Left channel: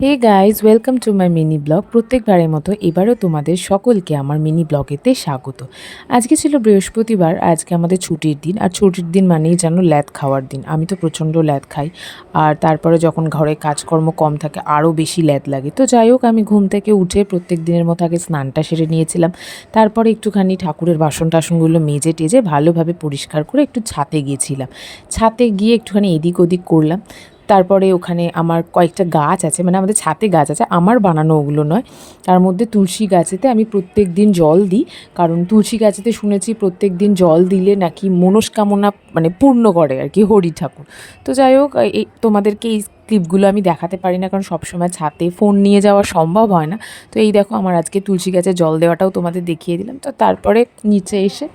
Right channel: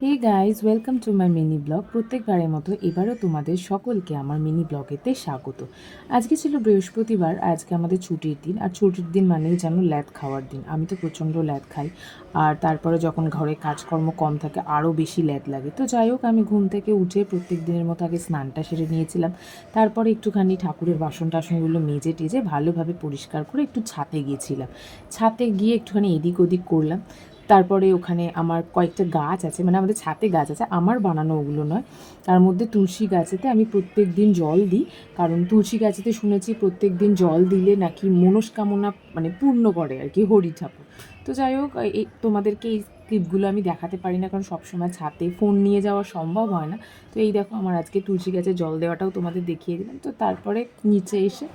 Hey guys, welcome to my mini blog. প্রত্যেকবারের মতো এবারও তোমাদের সকলকে আমার মিনি ব্লগেতে স্বাগত। আজকে ছিল বৃহস্পতিবার, আজকে আমাদের ছুটির দিন। আর ছুটির দিন মানেই যেন ল্যাদ খাওয়ার দিন। আমি তো প্রচণ্ড ল্যাদ খাই। আর তারপরে যখন ঘরে কাজকর্ম কম থাকে আরও বেশি ল্যাদ লাগে। তো যাই হোক, আমি ঘুম থেকে উঠে প্রত্যেক দিনের মতো আগে স্নানটা সেরে নিয়েছিলাম। তারপরে একটুখানি ঠাকুরের বাসন টাসনগুলো মেজে টেজে ভালোভাবে পরিষ্কার করে একটু ছাতে গিয়েছিলাম। ছাতে গিয়ে একটুখানি এদিক ওদিক করলাম। তারপরে ওখানে আমার কয়েকটা গাছ আছে, মানে আমাদের ছাতে গাছ আছে, আমার বানানো ওগুলো নয়। তার মধ্যে তুলসী গাছেতে আমি প্রত্যেক দিন জল দিই, কারণ তুলসী গাছেতে শুনেছি প্রত্যেক দিন জল দিলে নাকি মনস্কামনা মানে পূর্ণ করে আর কি হরি ঠাকুর। তো যাই হোক, এই তোমাদেরকে এই ক্লিপগুলো আমি দেখাতে পারি না, কারণ সবসময় ছাতে ফোন নিয়ে যাওয়া সম্ভব হয় না। তো এই দেখো, আমার আজকে তুলসী গাছে জল দেওয়াটাও তোমাদের দেখিয়ে দিলাম। তো তারপরে নিচে এসে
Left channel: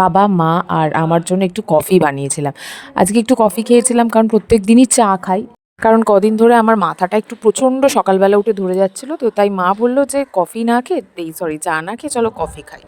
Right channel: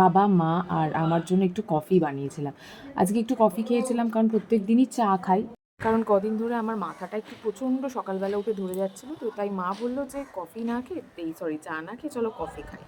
বাবা, মা আর আমার জন্য একটু কফি বানিয়েছিলাম। আজকে একটু কফি খেয়েছিলাম, কারণ প্রত্যেক দিনই চা খাই। কারণ কদিন ধরে আমার মাথাটা একটু প্রচণ্ড সকালবেলা উঠে ধরে যাচ্ছিলো, তো তাই মা বললো যে কফি না খেয়ে চা না খেয়ে চলো কফি খাই।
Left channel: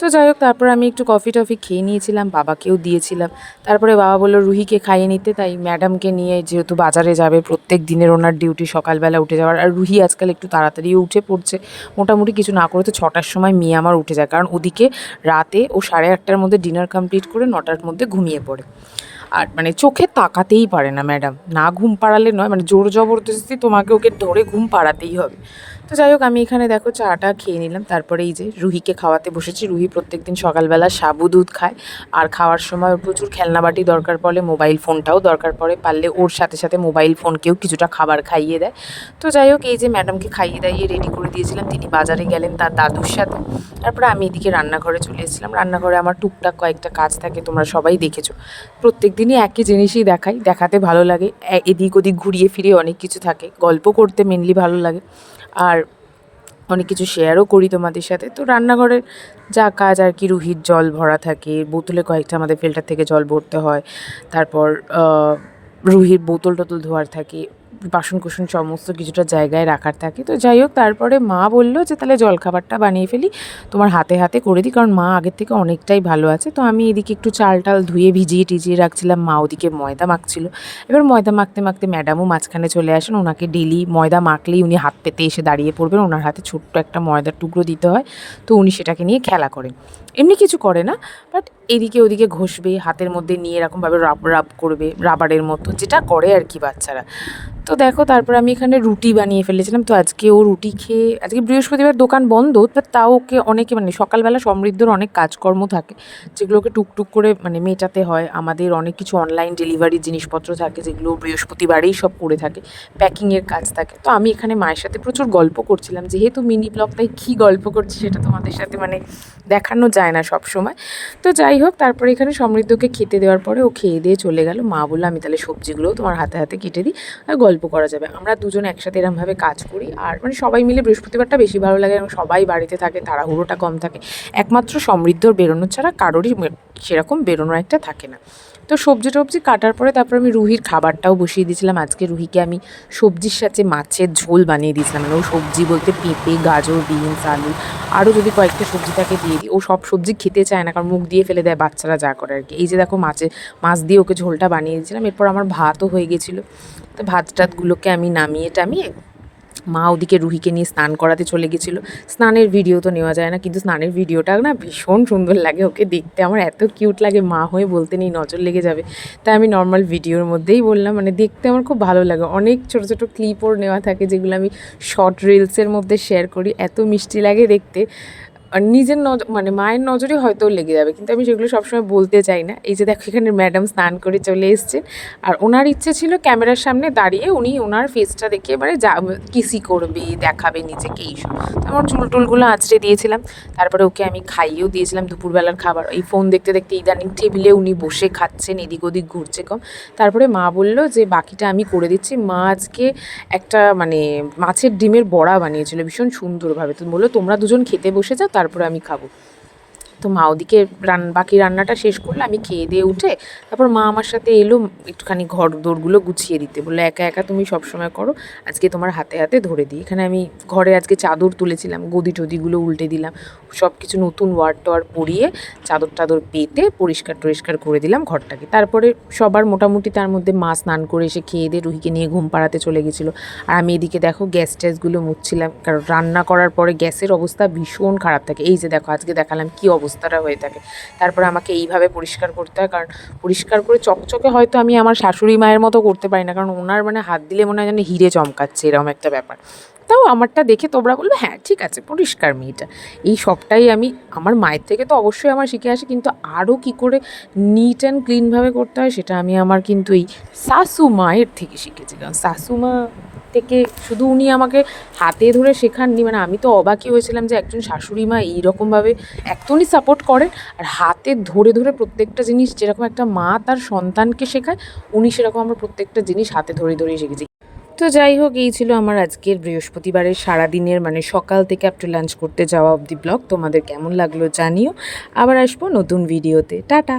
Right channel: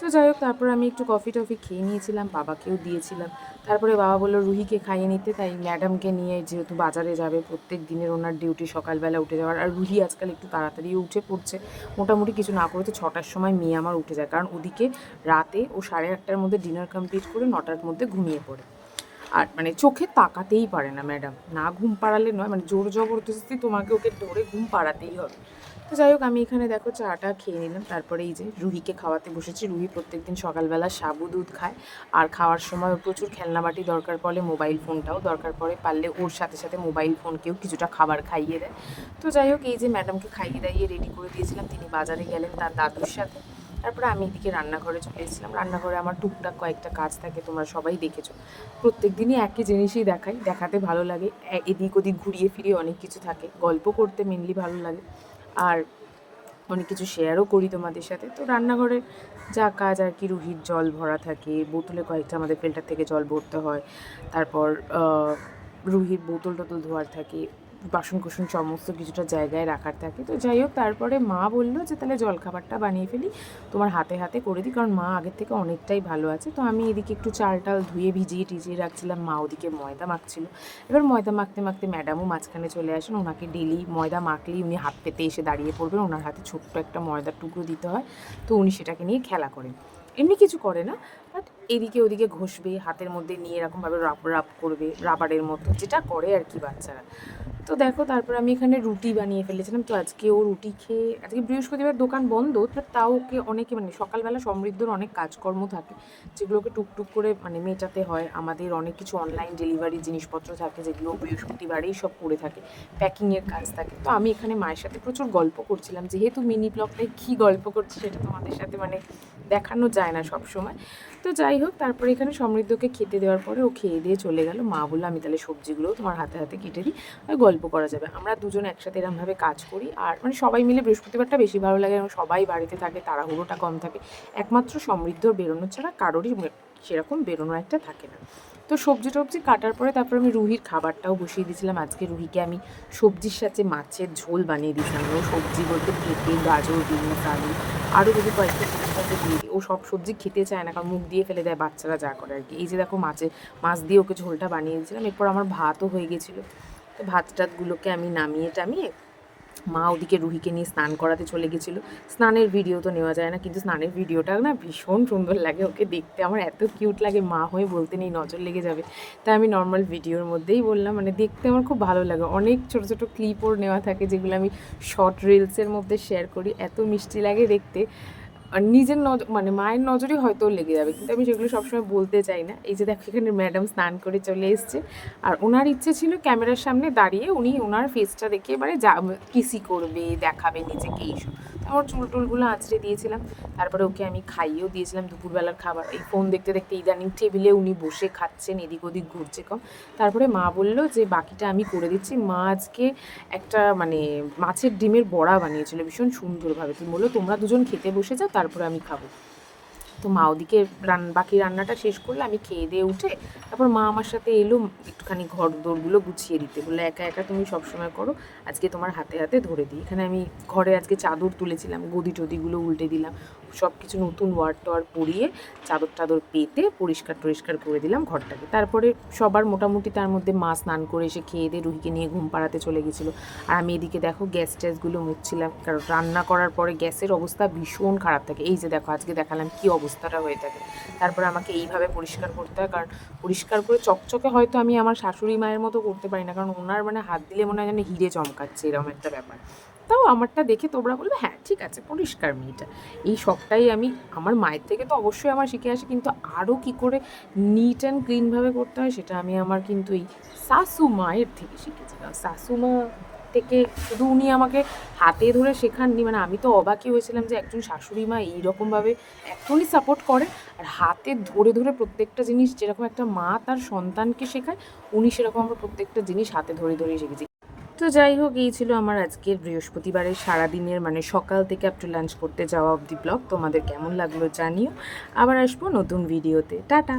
তো যাই হোক, তারপর আমি একটু কফি টফি খেয়ে নিয়েছিলাম, বাবাকেও দিয়েছিলাম। তারপরে বাবা বললো রুহিকে খাইয়ে নিতে, তাই ম্যাডামকে নিয়ে, যেহেতু বাজারে যাবে, প্রত্যেক দিনের ওনার ডিউটি সকালবেলা উঠে যাওয়ার। আর রুহি আজকাল একটু তাড়াতাড়িও উঠে পড়ছে, মোটামুটি কিছু না করে তো 6টার সময় মেয়ে আমার উঠে যায়, কারণ ওদিকে রাতে ও 8:30টার মধ্যে ডিনার কমপ্লিট করে 9টার মধ্যে ঘুমিয়ে পড়ে। আর মানে চোখে তাকাতেই পারে না ম্যাডাম, না ঘুম পাড়ালে নয়, মানে জোর জবরদস্তি তোমাকে ওকে ধরে ঘুম পাড়াতেই হবে। তো যাই হোক, আমি এখানে দেখো চাটা খেয়ে নিলাম। তারপরে এই যে রুহিকে খাওয়াতে বসেছি। রুহি প্রত্যেকদিন সকালবেলা সাবু দুধ খায়, আর খাওয়ার সময় ওর প্রচুর খেলনাবাটি দরকার পড়ে, মোবাইল ফোনটাও দরকার পড়ে, পারলে ওর সাথে সাথে মোবাইল ফোনকেও কিছুটা খাবার খাইয়ে দেয়। তো যাই হোক, এই যে ম্যাডামকে খাইয়ে দাইয়ে রেডি করে দিয়েছিলাম, তিনি বাজারে গেলেন তার দাদুর সাথে। তারপরে আমি এদিকে রান্নাঘরে চলে এসেছিলাম। রান্নাঘরে আমার টুকটাক কয়েকটা কাজ থাকে, তোমরা সবাই দেখেছো। প্রত্যেক দিনই একই জিনিসই দেখাই, দেখাতে ভালো লাগে। এদিক ওদিক ঘুরিয়ে ফিরিয়ে অনেক কিছু থাকে, গল্প করতে মেনলি ভালো লাগে। আর অনেক কিছু শেয়ারও করি তোমাদের সাথে। তো রান্নাঘরের যা কাজ আর কি, রুহির জল ভরা থাকে, বোতলে কয়েকটা আমাদের ফিল্টার থেকে জল ভরতে হয়। তারপর রুহির বোতল টোতল ধোয়ার থাকে, বাসন কোসন সমস্ত কিছুটা জায়গায় রাখার থাকে। তো যাই হোক, তারপরে মা বললো যে তাহলে জলখাবারটা বানিয়ে ফেলি, তোমার হাতে হাতে করে দিই, কারণ মা আগের থেকে অনেকটাই ভালো আছে। তো আমি এদিকে একটু চাল টাল ধুয়ে ভিজিয়ে টিজিয়ে রাখছিলাম, মা ওদিকে ময়দা মাখছিল। এবার ময়দা মাখতে মাখতে ম্যাডামও মাঝখানে চলে আসেন। ওনাকে ডেলি ময়দা মাখলেই উনি হাত পেতে এসে দাঁড়িয়ে পড়বেন, ওনার হাতে ছোট্ট একটা ময়দার টুকরো দিতে হয়। তো উনি সেটাকে নিয়ে খেলা করেন, এমনি কিছু করে না, বাট এদিকে ওদিকে ঘষবে, হাতের মধ্যে নিয়ে এরকমভাবে রাব রাব করবে, রাবারের মতো যেটা করে আর কি বাচ্চারা। তো দেখো, তারপর আমি এখানে রুটি বানিয়ে ফেলেছিলাম। তো আজকে ও রুটি খেয়ে, আজকে বৃহস্পতিবার দোকান বন্ধ, বাট তাও ওকে অনেকে, মানে সকালবেলা সমৃদ্ধর অনেক কাজকর্ম থাকে, যেগুলোকে টুকটুক করে মানে মেটাতে হয়। আমাদের অনেক কিছু অনলাইন ডেলিভারি জিনিসপত্র থাকে, যেগুলো বৃহস্পতিবারেই সব করে থাকে, প্যাকিংয়ের কাজ থাকে। তো আমি এখানে মায়ের সাথে প্রচুর গল্প করছিলাম, যেহেতু মিনি ব্লগটাই কী গল্প করছি সেটা তোমাদের সাথে মানে দেখানো যায় না সব সময়। তো যাই হোক, তারপরে এখানে সমৃদ্ধকে খেতে দেওয়ার পরে ও খেয়ে দিয়ে চলে গেল। মা বললো আমি তাহলে সবজিগুলোও তোমার হাতে হাতে কেটে দিই, আর গল্প করা যাবে। আমরা দুজন একসাথে এরমভাবে কাজ করি, আর মানে সবাই মিলে বৃহস্পতিবারটা বেশি ভালো লাগে, এবং সবাই বাড়িতে থাকে, তাড়াহুড়োটা কম থাকে। একমাত্র সমৃদ্ধর বেরোনো ছাড়া কারোরই সেরকম বেরোনোর একটা থাকে না। তো সবজি টবজি কাটার পরে তারপর আমি রুহির খাবারটাও বসিয়ে দিয়েছিলাম। আজকে রুহিকে আমি সবজির সাথে মাছের ঝোল বানিয়ে দিয়েছিলাম, মানে ও সবজি বলতে পেঁপে, গাজর, বিনস, আলু, আরও যদি কয়েকটা সবজি থাকে দিয়ে দিই। ও সব সবজি খেতে চায় না, কারণ মুখ দিয়ে ফেলে দেয়, বাচ্চারা যা করে আর কি। এই যে দেখো, মাছ দিয়ে ওকে ঝোলটা বানিয়ে দিয়েছিলাম। এরপর আমার ভাতও হয়ে গেছিলো। তো ভাত টাতগুলোকে আমি নামিয়ে টামিয়ে, মা ওদিকে রুহিকে নিয়ে স্নান করাতে চলে গেছিলো। স্নানের ভিডিও তো নেওয়া যায় না, কিন্তু স্নানের ভিডিওটা না ভীষণ সুন্দর লাগে, ওকে দেখতে আমার এত কিউট লাগে, মা হয়ে বলতে নেই, নজর লেগে যাবে। তাই আমি নর্মাল ভিডিওর মধ্যেই বললাম, মানে দেখতে আমার খুব ভালো লাগে। অনেক ছোটো ছোটো ক্লিপও নেওয়া থাকে, যেগুলো আমি শর্ট রিলসের মধ্যে শেয়ার করি, এত মিষ্টি লাগে দেখতে। আর নিজের মানে মায়ের নজরে হয়তো লেগে যাবে, কিন্তু আমি সেগুলো সবসময় বলতে চাই না। এই যে দেখো, এখানে ম্যাডাম স্নান করে চলে এসছে, আর ওনার ইচ্ছে ছিল ক্যামেরার সামনে দাঁড়িয়ে উনি ওনার ফেসটা দেখে এবারে যা কিসি করবে, দেখাবে নিজেকে, এইসব। আমার চুল টুলগুলো আঁচড়ে দিয়েছিলাম। তারপরে ওকে আমি খাইয়েও দিয়েছিলাম দুপুরবেলার খাবার। এই ফোন দেখতে দেখতে ইদানিং টেবিলে উনি বসে খাচ্ছেন, এদিক ওদিক ঘুরছে কম। তারপরে মা বলল যে বাকিটা আমি করে দিচ্ছি। মা আজকে একটা মানে মাছের ডিমের বড়া বানিয়েছিল ভীষণ সুন্দরভাবে। তো বললো তোমরা দুজন খেতে বসে যাও, তারপরে আমি খাবো। তো মা ওদিকে বাকি রান্নাটা শেষ করলে আমি খেয়ে দিয়ে উঠে তারপর মা আমার সাথে এলো একটুখানি ঘর দোরগুলো গুছিয়ে দিতে, বললো একা একা তুমি সবসময় করো, আজকে তোমার হাতে হাতে ধরে দিই। এখানে আমি ঘরে আজকে চাদর তুলেছিলাম, গদি টদিগুলো উল্টে দিলাম, সব কিছু নতুন ওয়ার টোয়ার পরিয়ে চাদর টাদর পেতে পরিষ্কার টরিষ্কার করে দিলাম ঘরটাকে। তারপরে সবার মোটামুটি তার মধ্যে মা স্নান করে এসে খেয়ে দিয়ে রুহিকে নিয়ে ঘুম পাড়াতে চলে গেছিলো। আর আমি এদিকে দেখো গ্যাস ট্যাসগুলো মুছছিলাম, কারণ রান্না করার পরে গ্যাসের অবস্থা ভীষণ খারাপ থাকে। এই যে দেখো আজকে দেখালাম কী অবস্থাটা হয়ে থাকে। তারপরে আমাকে এইভাবে পরিষ্কার করতে হয়, কারণ পরিষ্কার করে চকচকে হয়তো আমি আমার শাশুড়ি মায়ের মতো করতে পারি না, কারণ ওনার মানে হাত দিলে মনে হয় যেন হিরে চমকাচ্ছে, এরকম একটা ব্যাপার। তাও আমারটা দেখে তোমরা বলবে হ্যাঁ ঠিক আছে পরিষ্কার মেয়েটা। এই শখটাই আমি আমার মায়ের থেকে তো অবশ্যই আমার শিখে আসি, কিন্তু আরও কী করে নিট অ্যান্ড ক্লিনভাবে করতে হয় সেটা আমি আমার কিন্তু এই শাশু মায়ের থেকে শিখেছি। কারণ শাশুমা থেকে শুধু উনি আমাকে হাতে ধরে শেখাননি, মানে আমি তো অবাকই হয়েছিলাম যে একজন শাশুড়ি মা এইরকমভাবে একদমই সাপোর্ট করেন, আর হাতে ধরে ধরে প্রত্যেকটা জিনিস যেরকম একটা মা তার সন্তানকে শেখায়, উনি সেরকম আমরা প্রত্যেকটা জিনিস হাতে ধরে ধরেই শিখেছি। তো যাই হোক, এই ছিল আমার আজকের বৃহস্পতিবারের সারাদিনের মানে সকাল থেকে আপ টু লাঞ্চ করতে যাওয়া অবধি ব্লগ। তোমাদের কেমন লাগলো জানিও। আবার আসবো নতুন ভিডিওতে। টাটা।